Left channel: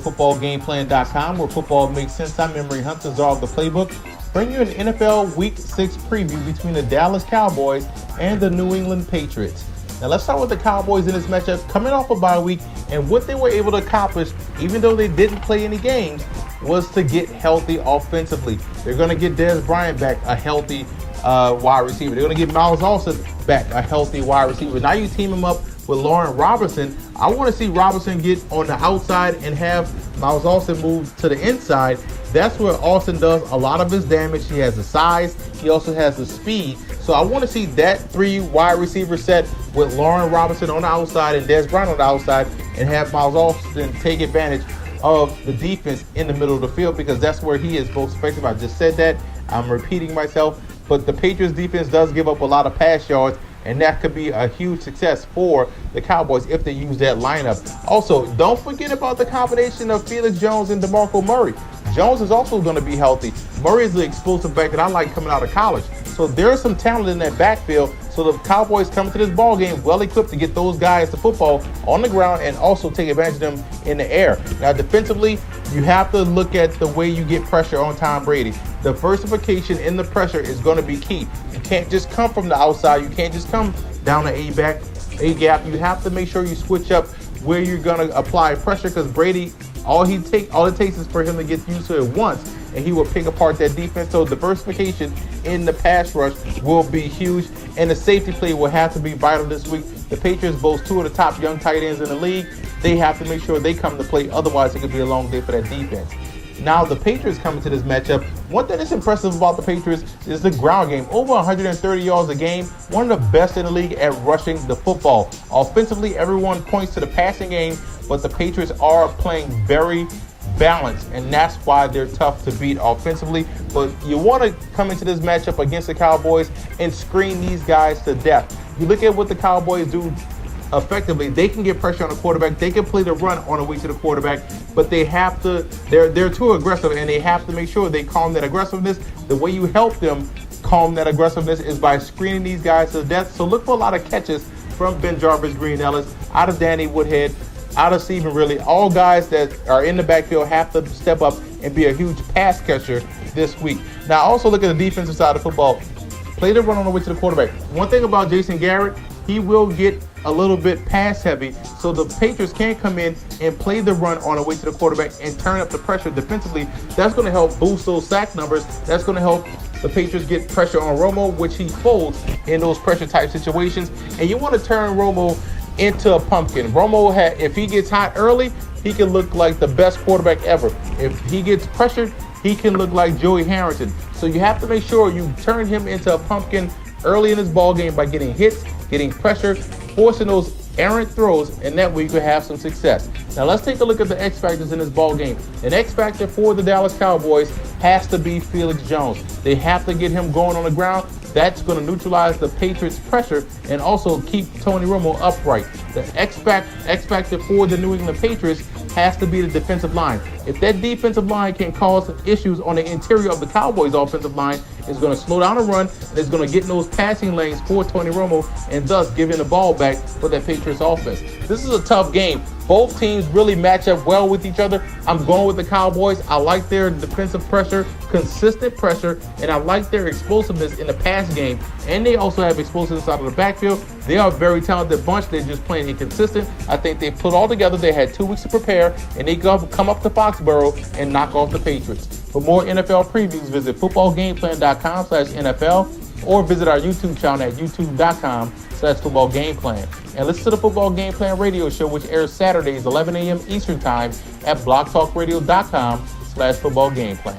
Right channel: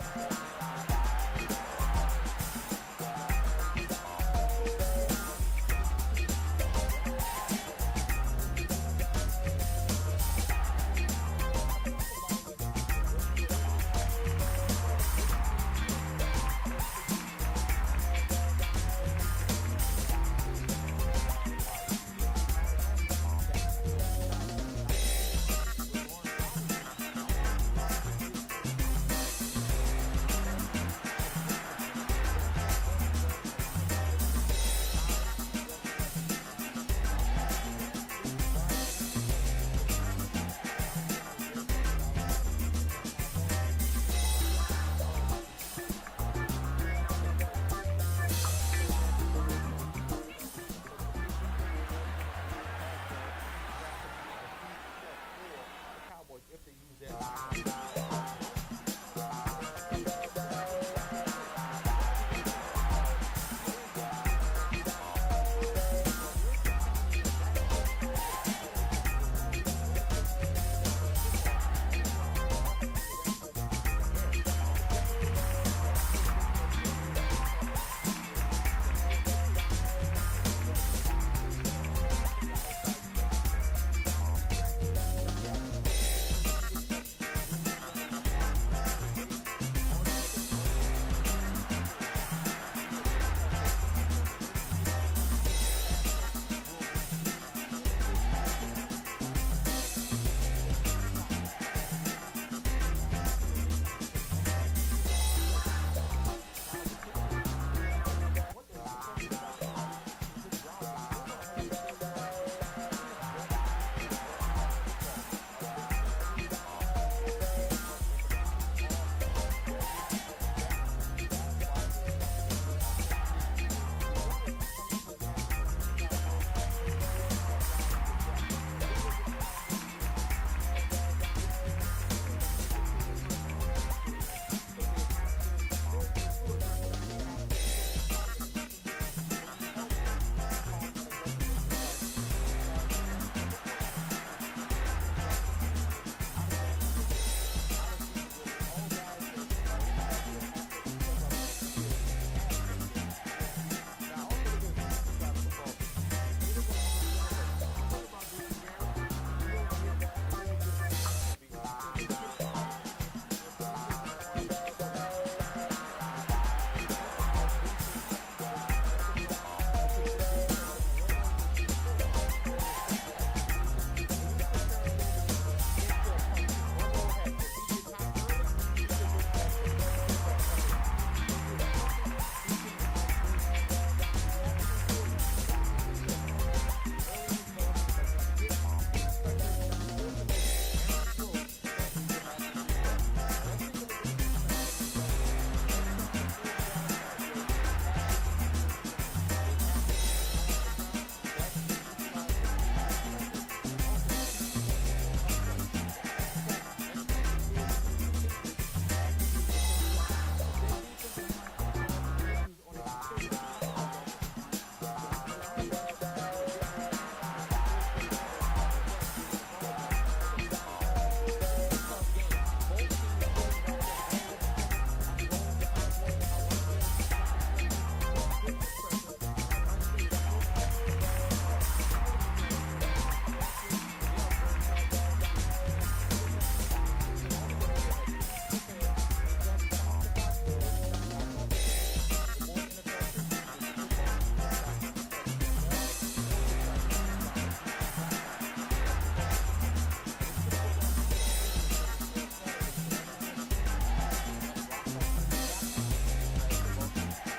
footballgameplan.com, where football makes sense. I'm Emery Hunt, the czar of the playbook. Bring you an NFL Week 6 preview between the Dallas Cowboys and the New England Patriots. Now let's start with the Cowboys in this matchup, coming off a bye week, and what they were able to accomplish, even though they didn't play any games, was to get healthy offensively. They're going to get Dez Bryant back, a healthy wide receiver. They're going to get Miles Austin back, a healthy wide receiver. Now you team him up with Lauren Robinson. I want to see Robinson get on the outside and have Miles Austin move to the inside. That's where Austin does a lot of his damage. He has the size. He also has the speed. So I want to see that 3 wide receiver set with Lauren Robinson on the outside and Dez Bryant on the outside, and have Miles Austin take advantage of the defense in the middle of the field, because that's where he is most effective. I just said that. I'm repeating myself. But the Patriots defense does give up a lot of pass yards, and that could be a huge success for the Cowboys if they use that lineup. Also, don't forget about the combination of Felix Jones and DeMarco Murray. Jones is also going to be healthy. Murray is the explosive back that I like coming out of college. So there's some talent in that backfield. So the Cowboys coming to this ball game well equipped to get those guys the football on the ground and also take advantage of them in the air. Now defensively, you have to look at the way you get pressure on Tom Brady. Diversification in the pressure is going to be key. You can't just come from the outside. You can't just come down the A gap. You have to make sure you switch up where you're going to apply pressure, because Brady, all it takes is for him to get used to it once, and he will pick apart that defense. So diversification in the pass rush will be huge, and the safety play will have to be vital this week. The Patriots boast 2 of the top young tight ends in the league. They have to make sure they come to play, otherwise it could be a long day for that defense. Now the Patriots coming to this matchup, one thing that's impressive about the Patriots is the ground game. Over 130 yards a game, one of the best in the league at rushing the football. Offensively, everyone points to the passing game, but the Patriots are playing very balanced, and that's why they're tough to beat offensively. But you want to come into this matchup against the Cowboys and screen these guys to death. You look at what the Cowboys do effectively. They can get pressure on the quarterback. They can play the run on the way to the quarterback, but they have to, they're too aggressive, and they have to make sure they calm that aggressiveness. The way you help them calm that aggressiveness is by screening these guys to death. So look for a lot of catches from Ben Jarvis, Green Ellis, out of Danny Woodhead, out of Stephen Ridley. All guys that are in the backfield have to step up and be a huge pass catcher this week. Now also look at the defensive side of football. Play the run on the way to the quarterback. One thing about Jason Garrett, he will get a little bit pass heavy, so the Patriots can come in and play the run on the way to the quarterback and turn up the pressure defensively. That's going to help boost those sack numbers. That's going to help the Patriots get pressure on Romo, which he folds in those pressure type situations. And you want to turn Romo into a pumpkin. Romo, if he gets hot early, he can look like the best quarterback ever. If he gets pressured, he can look like Joey Harrington. So you have to make sure you turn him into a pumpkin early in this ball game by getting hits, getting pressure, forcing those errant throws, and that way you could have some success. Now let's take a look at the X factors in this ball game. An X factor for the Dallas Cowboys has to be Felix Jones. They have to get him going on the ground. That's going to neutralize the Patriots' pressure and also keep Tony Romo upright. The X factor for the New England Patriots has to be the defensive line. If that defensive line can cause issues on the interior of the Cowboys' offensive line, it's going to slow down the run, and it's going to get in those passing lanes for Tony Romo, and thus giving the ball back for that Patriots offense. This is a tough game. Both teams really match up well with each other. I'm going with the Cowboys. I like their defensive pressure, consistent pressure, and I like their explosiveness in the pass game. And they also have explosiveness out of the backfield. They are a very talented bunch. They're just playing inconsistent. I think they put all together. They had 2 weeks to prepare, and they come up to Foxborough and knock off the Patriots. For more NFL previews, visit footballgameplan.com/NFL or visit our YouTube channel at youtube.com/footballgameplan. And listen to the Football Game Plan radio show, which airs Saturdays 11 a.m. Eastern Time at blogtalkradio.com/footballgameplan.